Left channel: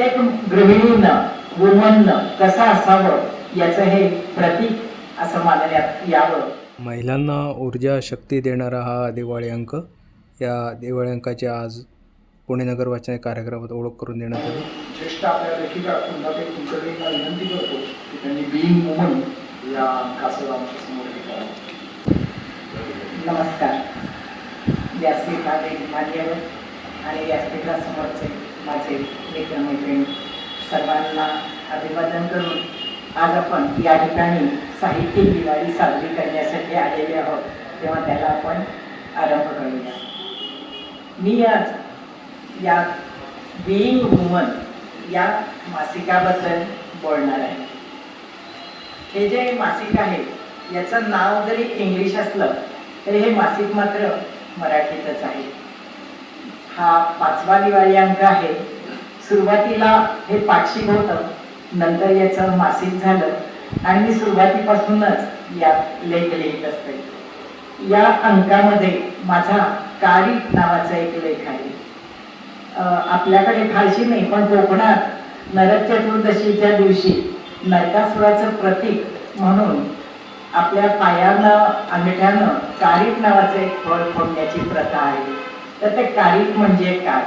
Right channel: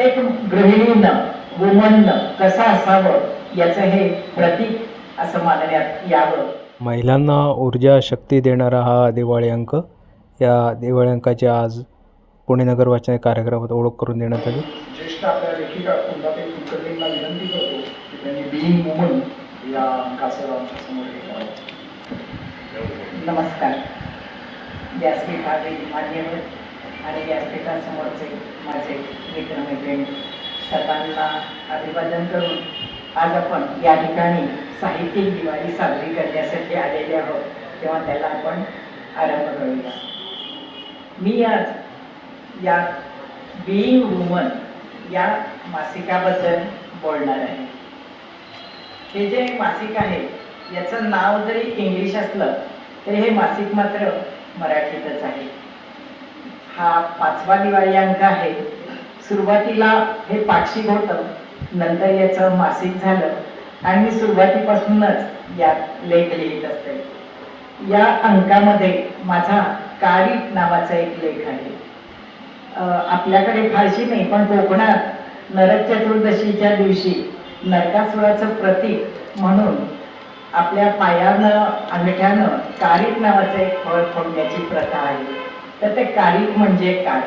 प्रत्येक गृहिणीनं वुमननं कसं असावं याचं हे प्रतीक असं मानण्यात यावं महिलांना ऊर्जा शक्ती देणारा हा दिवाळी अंक या दिवाळी अंकाचे आज पुणे नगर वाचन कार्यक्रमात ओळख करून देण्यात आली ज्येष्ठ आपल्या लेखिका कुंदाबाई कुलकर्णींना विनंती करतो की त्यांनी बीइंग वुमन या अंकाचं समोर हे करावं नमस्कार व्यासपीठातील आणि व्यासपीठासमोरचे माझे मैत्रिणी सर्वांना अभिवादन करून आज आपण या ठिकाणी साहित्य दिवाळी साजरी करण्यासाठी आलेले आहोत तेव्हा त्याला आपण आरंभ करूया मी आज या बिईंग वुमन या मासिकाबद्दल बोलणार आहे हे जे मासिक आहे याचं नाव जरी इंग्लिश असलं तरी हे मासिक मात्र मराठीतच आहे हा पाचवा दिवाळी अंक आहे सुरुवातीला हे पाक्षिक होतं नंतर याचं मासिक झालं आणि मी सुरुवातीपासूनच यात लेख लिहित असते या अंकामध्ये माझा काळी नावाचा एक लेख आहे आपल्याकडे फारशी नाही पण कोकणात नरक चतुर्दशीच्या दिवशी नरकासुराचं प्रतीक म्हणून आपल्या पायानं अंगठ्यानं कारीट नावाचं एक फळ फोडण्याची प्रथा आहे तर ते कारिक म्हणजे काय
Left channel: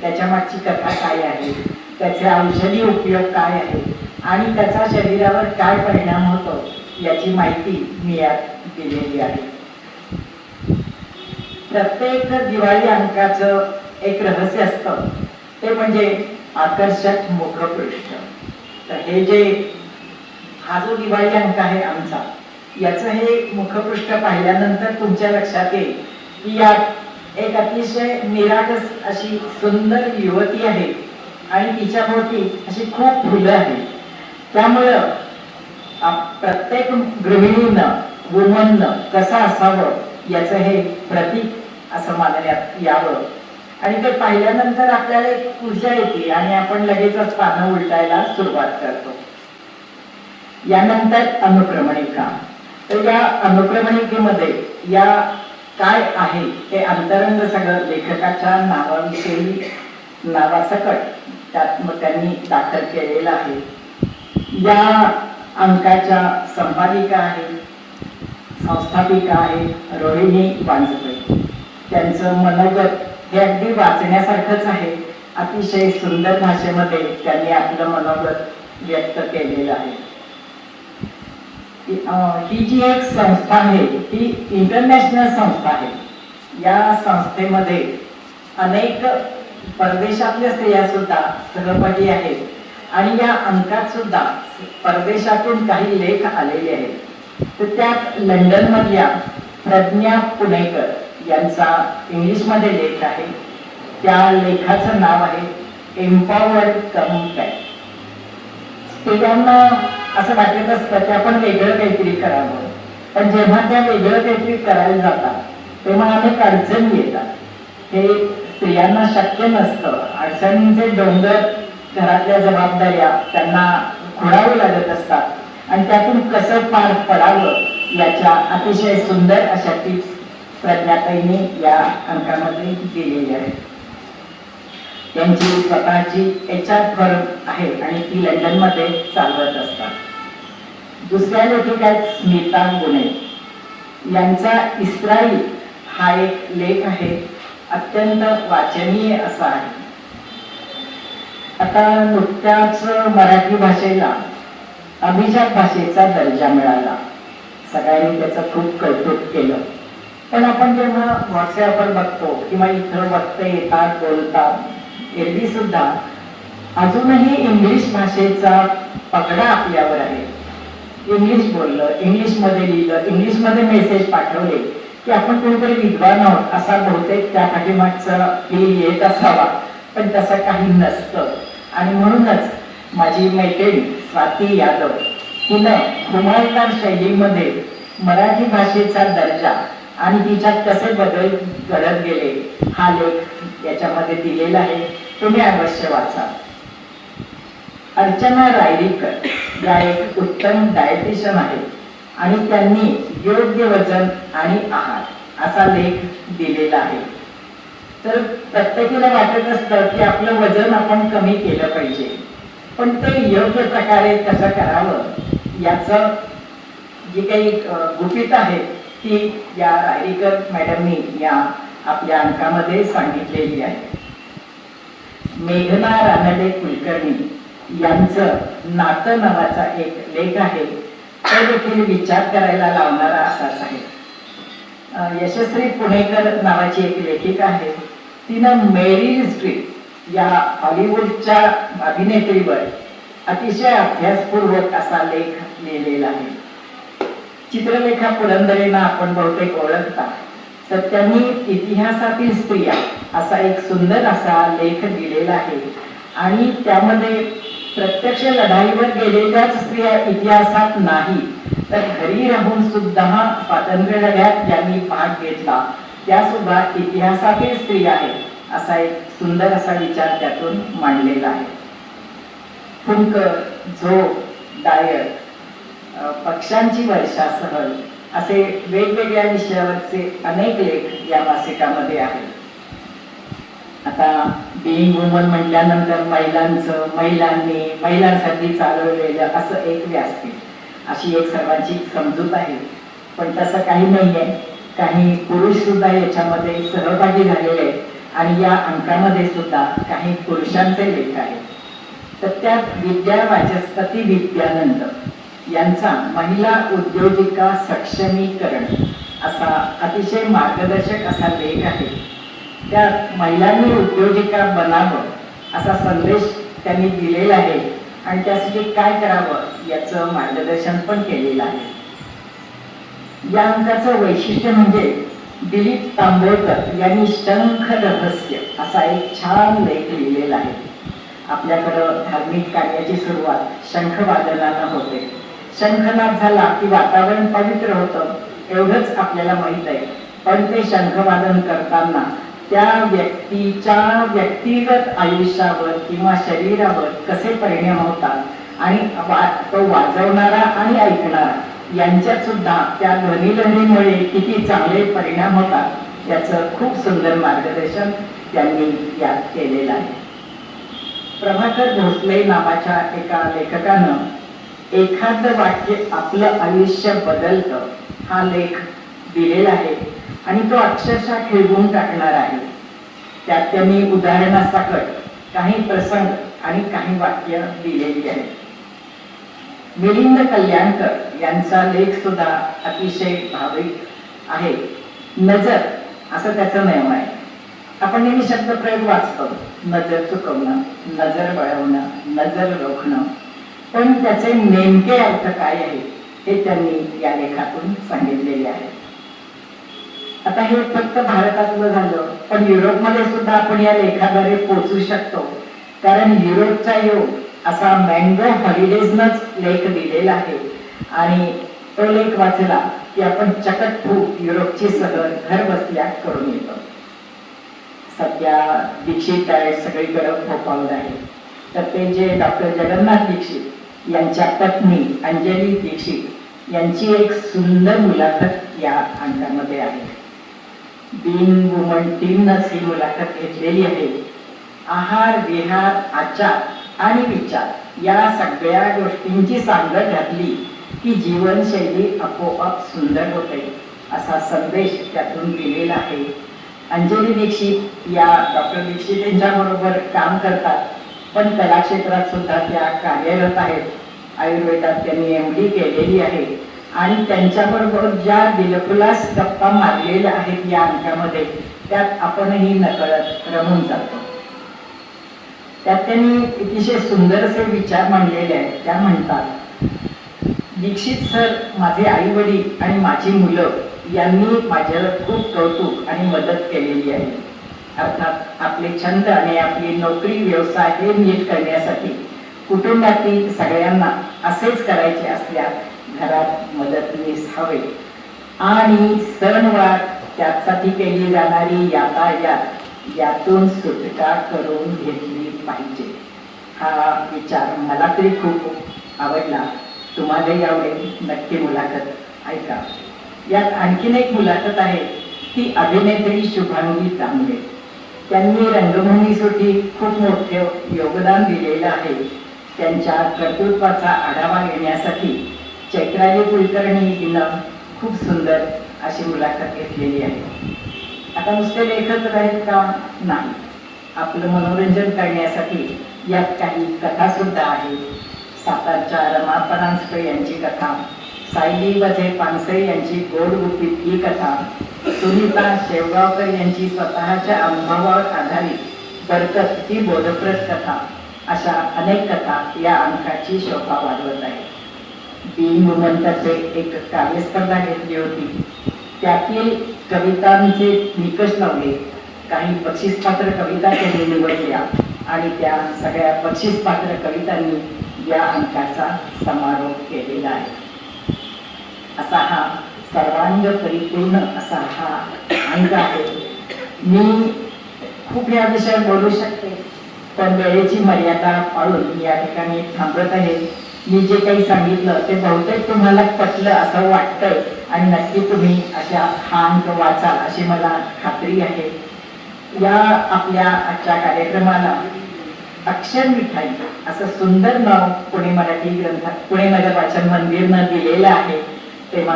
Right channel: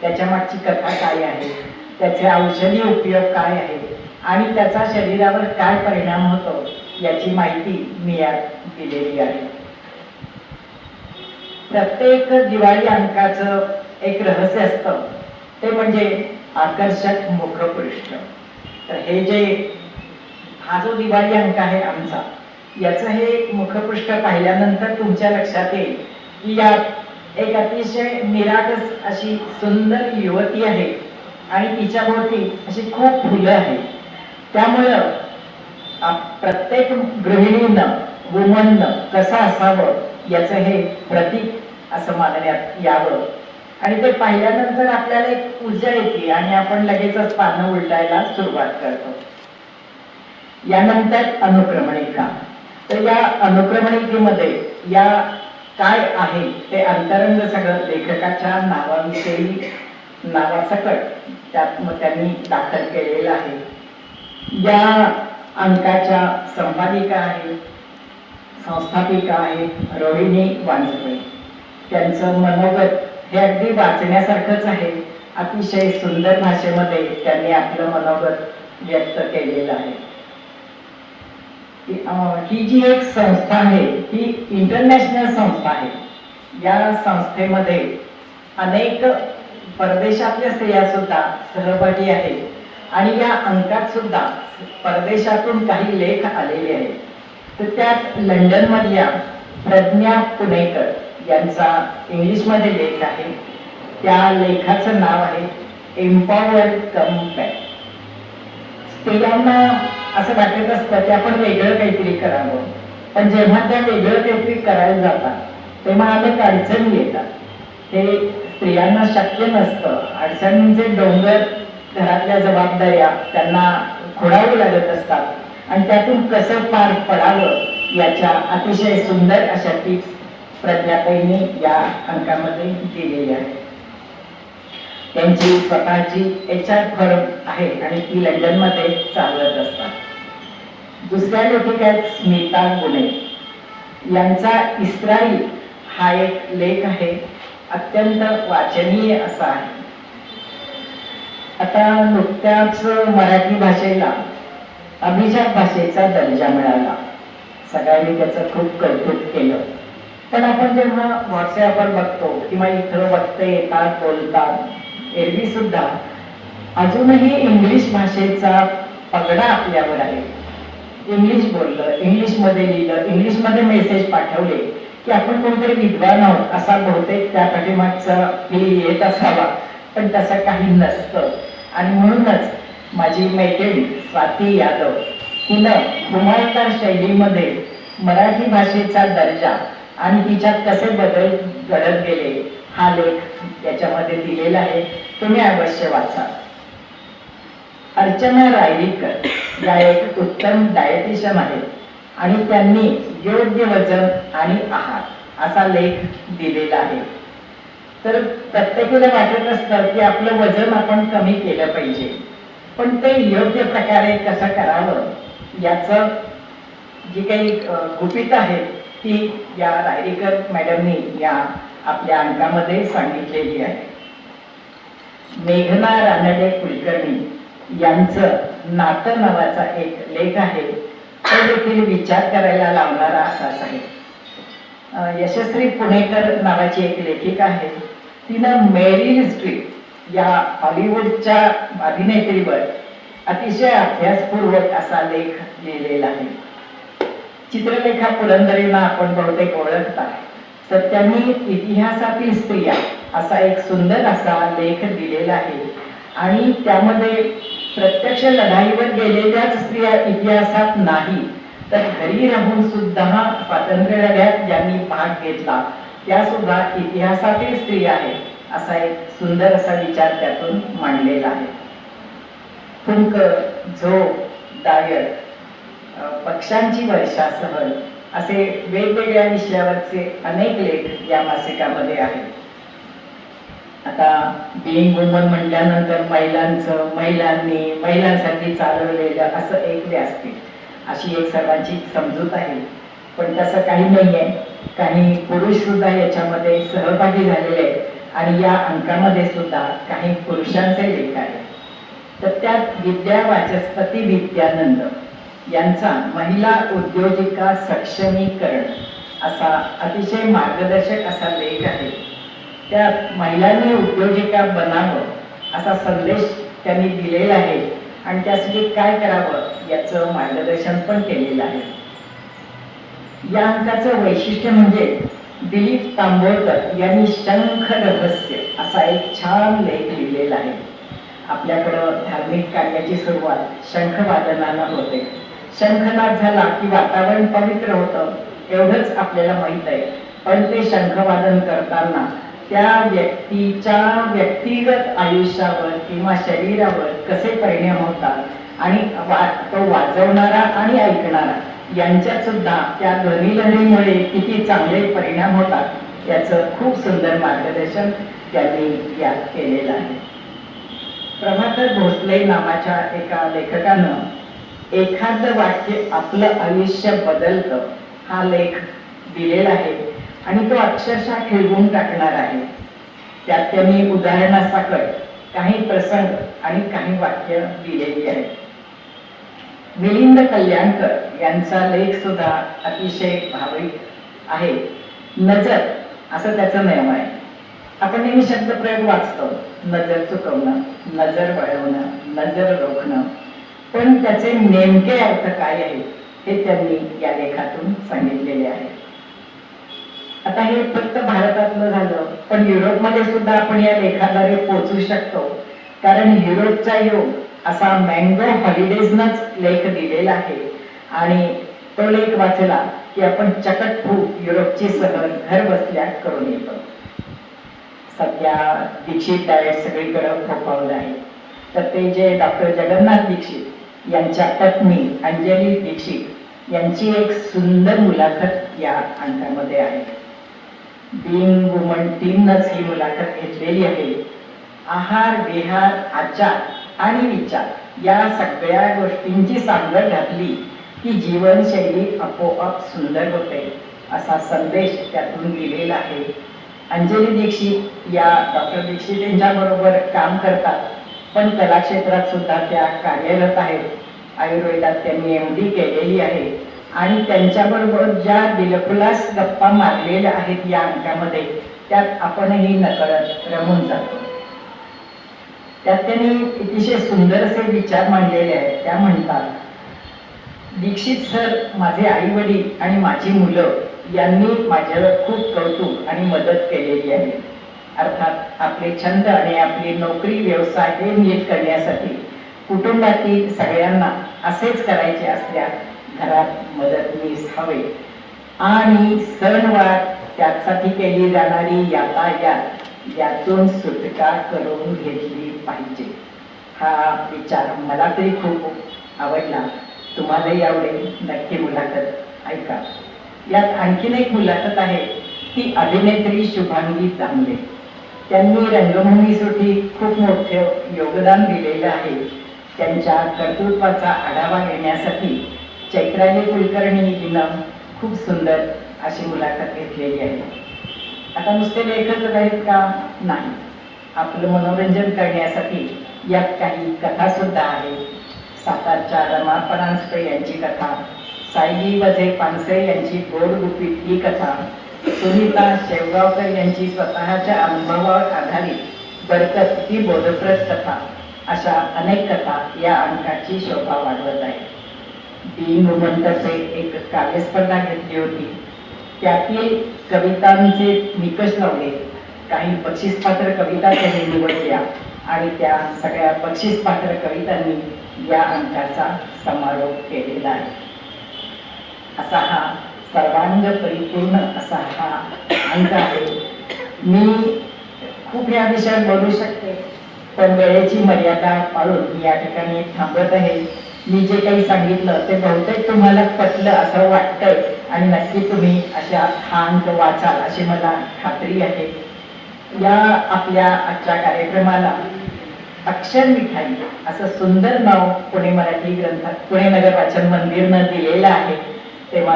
त्याच्या मागची कथा काय आहे त्याचे औषधी उपयोग काय आहे आणि त्याचा शरीरावर काय परिणाम होतो याची माहिती मी यात दिलेली आहे प्रत्येक दिवाळी अंकाचं एक रहस्य असतं ते म्हणजे आकर्षक मुखपृष्ठ तर हे जे हा जो दिवाळी अंक आहे आमचा याचं हे मुखपृष्ठ पाहिल्यानंतर तुमच्या लक्षात येईल की या एक अतिशय निरागस अशी सुंदर युवती आहे आणि तिच्या अशी खूप फुलं आहे त्यामुळं प्रत्येक गृहिणीनं वुमननं कसं असावं याचं हे प्रतीक असं मानण्यात यावं आणि ते पाहिल्यानंतर आपल्याला एक ऊर्जा येते आणि आपण लगेचच पानं उलटायला सुरुवात करतो यानंतर अनुक्रमणिका तर या अनुक्रमणिकेमध्ये या काय आहे ते अंतरंग सगळं लेखकाच्या नावाविषयी नावासकट त्यात मग त्यांनी दाखल केलेलं आहे या अंकाच्या संपादिका आहे संस्थापिका आहे रोहिणी वांजपे त्यांचं मनोगत हे अगदी वाचण्यासारखंच आहे अतिशय सुंदर भाषेमध्ये त्यांनी आपलं मनोगत व्यक्त केलेलं आहे ही जी एक संस्था आहे ती इंटरनॅशनल संस्था आहे या संस्थेमध्ये अनेक परदेशातल्या स्त्रिया सुद्धा आहेत आणि या अंकात सुद्धा परदेशातून काही लेख आलेले आहेत तर त्यात लंडनमधल्या प्रज्ञा पुणेकर यांचा इंग्लिशमध्ये लेख आहे त्या लेखाचं नाव आहे एम्पॉवर्ड कम्पॅक्ट स्त्रियांना असं वाटत असतं की आपण वेगळं काहीतरी करावं पण जेव्हा त्या वेगळं काहीतरी करायला जातात तेव्हा अनेक अडचणी येतात हे स्त्रियांना शक्य नसतं अडचणींचे डोंगर घरातल्या जबाबदाऱ्या त्यांना खोडावे लागत असतात आणि त्यातून कसं पार पडावं याच्या अतिशय सुंदर अशा टिप्स प्रज्ञाताईने या अंकामध्ये दिलेल्या आहेत त्यांची स्वतःची एच आर फर्म आहे आणि ती लंडन मध्ये चालवत असतात दुसऱ्या लेखिक स्मिता गुणे यांचा इस्राईल हा एक लेख आहे अत्यंत वाचनीय असा आहे आता नुकत्याच मराठी भाषेला अभिजात भाषेचा दर्जा मिळाला सगळ्यांनी त्याचं खूप कौतुक केलं पण आपण जेव्हा व्हॉट्सॲपवर बघतो किंवा इथं बघते येतात बोलतात एरवी सुद्धा अजूनही इंग्लिश भाषेचा पगडा आपल्यावर आहे इंग्लिश बोललं इंग्लिश मध्ये लिहिलं इंग्लिश मध्ये मेसेज पाठवले की आपण कोणतरी विद्वान आहोत असा बहुतेक त्या पाठीमागचा फील येत असावा पण तसं काही नसतं आणि म्हणूनच माझी मैत्रिणी स्वाती यादव तिनं कुमारदार शैलीमध्ये मराठी भाषेचा दर्जा आणि तिच्यात कसे बदल घडत गेले हा लेख याच्यामध्ये दिलेला आहे तुम्ही अवश्य वाचा अर्चना रायरीकर या एक उत्तम डायटिशियन आहेत आणि त्यांनी योग्य वजन आणि आहार असा लेख दिलेला आहे तर प्रत्येकीला वाटत असतं की आपलं वजन आपण कमी केलं पाहिजे पण ते योग्य प्रकारे कसं करावं याचं जी काही गुपित आहे ती या रायरीकर मॅडमनी या आपल्या अंकामध्ये सांगितलेली आहे मेघना रानडे कुलकर्णी यांचं नातं नावाचा एक लेख आहे तो देखील विचार करायला लावणारा असाच आहे यशस्वी पुणेकर नावाची एक लेखिका आहे तिनं मेरी हिस्ट्री या हॉलिवूडच्या अभिनेत्रीवर अतिशय अभ्यासपूर्वक असा लेख लिहिलेला आहे चित्रलेखा पुरंदरेंना आपण बहुतेक ओळखता तर त्यांनी इतिहासातील स्त्रिया असा एक सुंदर असा लेख दिलेला आहे आणि त्यामध्ये प्रत्यक्ष लढाईवर गेलेल्याच स्त्रिया इतिहासात नाही तर घरी राहून सुद्धा स्वातंत्र्य लढ्यात यांनी भाग घेतला त्या सुद्धा इतिहासातील स्त्रिया आहे असा एक सुंदर असा विचार त्यातून मांडलेला आहे फुंक झोप डायर पक्ष्यांची वर्षा सहल असे वेगवेगळ्या विषयावरचे अनेक लेख या मासिकामध्ये आहेत आता बिईंग वुमन म्हटल्यानंतर महिलांचं महिलांनी महिलांसाठी चालवलेलं असं एक व्यासपीठ अशी एक सर्वांची समजूत आहे पण तसं काही नाही आहे काही पुरुष सुद्धा याच्यामध्ये सहभागी झालेले आहेत आणि या अंकामध्ये सुद्धा काही पुरुषांचे लेख आहेत तर त्यात विद्या वाचस्पती विद्यानंद यांचा महिला उद्योजिका सक्षमीकरण असा अतिशय मार्गदर्शक असा लेख आहे त्या महिलांनी उद्योजिका बनावं असा संदेश त्यांनी दिलेला आहे आणि त्यासाठी काय करावं याचं मार्गदर्शन पण केलेलं आहे या अंकाचं वैशिष्ट्य म्हणजे दिलीप तांबोळकर यांनी शंख रहस्य असा एक छान लेख लिहिलेला आहे आपल्याकडं धार्मिक कार्याची सुरुवात शंख वादनाला होते शंखनाद झाला की वातावरण पवित्र होत एवढंच आपल्याला माहित आहे पण ते शंखवादन करताना त्या व्यक्तीच्या व्यक्तिगत आयुष्यावर किंवा शरीरावर कसे परिणाम होतात आणि तो वाजवणारा आणि ऐकणारा यांच्यात सुद्धा त्या ध्वनिलहरीमुळे किती चांगले परिणाम होतात याचं खूप सुंदर मार्गदर्शन त्यांनी यात केलेलं आहे प्रभाकर भोसले नावाच्या एका लेखकानं एखाद वाक्य आपलं आयुष्य बदलत हा लेख दिलेला आहे आणि तो अक्षरशः खेळवून टाकणार आहे त्यात मी काही प्रसंग आणि काही वाक्य दिलेली आहे मिलिंद कल्याणकर यांचा लेख सुद्धा अतिशय भाविक आहे नजर असं त्याचं नियम आहे आपण नेहमी प्रयोग वाचतो नजर चुकवणं नजर वळवणं नजर रोखणं पण त्याचे नेमके अर्थ काय आहे ते त्यांनी या लेखातून सांगितलेले आहे आता हे फक्त भारतातलं झालं पण युरोपमध्ये सुद्धा आपण या लेखाद्वारे पोहोचू शकतो कारण युरोपचा योग असा मँगो हॉलिडेजनच लेख दिलेला आहे आणि तो लेख वाचला की आपण चकट खूप युरोपची सगळं घर बसल्या करून येतो सध्या दीक्षित डाएट सगळीकडे फोफावत आहे तर ते जे डॉक्टर जगन्नाथ दीक्षित यांच्या पत्नी अंजली दीक्षित यांची एक सुंदर मुलाखत या अंकामध्ये आहे दिन वुमन टीमनच ही मुलाखत घेतलेली आहे आहार विहार आचार आणि विचार या सगळ्या गोष्टींची सांगड घातली की जीवनशैली आपोआप सुंदर होते असा संदेश त्यातून दिलेला आहे अंजली दीक्षित या डॉक्टर दीक्षित यांच्याबरोबर काम करतात पण कला क्षेत्रात सुद्धा त्या कार्यरत आहेत आयुर्वेदात त्यांनी एम डी केलेली आहे आणि त्यांच्याबरोबर ज्या दिलखुलास गप्पा मारलेल्या आहेत या अंकामध्ये त्यात आपणही नकळत रमून जातो त्यात त्यांनी अतिशय सुंदरसे विचार मांडलेले आहेत त्या म्हणतात दीक्षित सर माझे आई वडील आणि माझी मुलं यांनी माझ्यावर खूप कौतुक आणि मदत केलेली आहे अर्थात आपले छंद आणि आपली नोकरी व्यवसाय हे नीट करण्यासाठी कुटुंबातील सगळ्यांना असेच करायचे असल्यास घरात मदतनीस हवे आणि सणवार त्यासाठी केली जाणारी यातायात यातून सुटका करून घेतली पाहिजे हा विचार मला तरी खूप आवडला तुम्हालाही आवडेल नक्की मुलाखत ऐका यात आणखीन एक मुलाखत आहे ती अभिनेत्री शुभांगी तांबे त्यांनी रंगभूमीसाठी खूप मोठे योगदान दिलेलं आहे त्यांच्या कर्तृत्वाचा आढावा घेण्यासाठी चैत्राली कुलकर्णी हिनं खूप सुंदर अशी मुलाखत घेतलेली आहे आता नुसते लेखक आहेत का नाही आपलं मनोरंजन करण्यासाठी यात काही सुद्धा आहेत सातारच्या रमा यांची कथा सायली बजे पानसे यांची गोड गुपित ही कथा सुनीता शेवगावकर यांची स्वतःच्या अनुभवावर आधारित बरकत ही बोधप्रद कथा अशा अनेक कथा या अंकाची शोभा वाढवत आहे एक कार्यस्पर्धा घेतली होती त्यातील कवितांचे निकष लावले काही बक्षीस पात्र कविता त्यांनी निवडल्या आणि त्या सगळ्या बक्षीस पात्र कवितांनी या अंकाचा समारोप केलेला आहे असा हा सर्वांग परिपूर्ण असा हा अंक आहे मी खूप या विषयात बोलू शकते पण वेळेची मर्यादा पाळून मी या ठिकाणी थांबत आहे मी जे काही सांगितलं ते बहुतेक तुम्हाला पटलं असं वाटतं आणि नक्की तुम्ही अशा हा अंक वाचाल अशी मला खात्री आहे या आपल्या आजच्या कार्यक्रमाला अक्षर मिठाई असं सुंदर नाव पुणे मराठी ग्रंथ पुणे नगर वाचन मंदिरनं दिलेलं आहे तेव्हा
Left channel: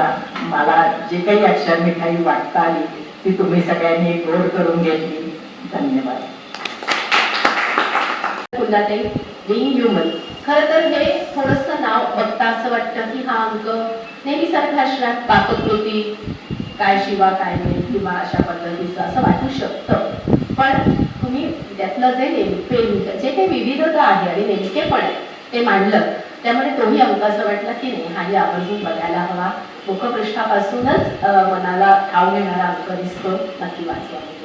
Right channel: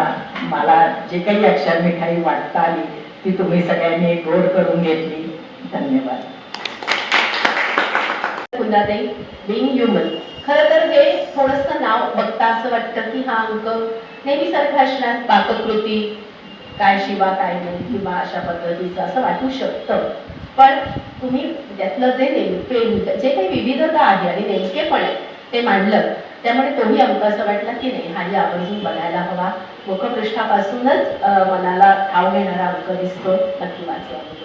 मला जे काही अक्षर मिठाई वाटता आली ती तुम्ही सगळ्यांनी गोड करून घेतली धन्यवाद पुन्हा ते बिंग खरं तर हे थोडंसं नाव बघता असं वाटतं की हा अंक नेहमीसारखा असणार पाककृती काय शिवा काय नाही किंवा अशा पद्धतीचं असं वाटू शकतं पण तुम्ही त्यातलं जे नेमके जे काही विविधता आहे आणि नेमकेपण आहे ते मांडलं त्यामुळे तोही अंक असं वाटला की नाही हाही आवर्जून बघायला हवा मुखपृष्ठापासूनच मनाला ठाव घेणारा अंक दिसतो नक्की वाचला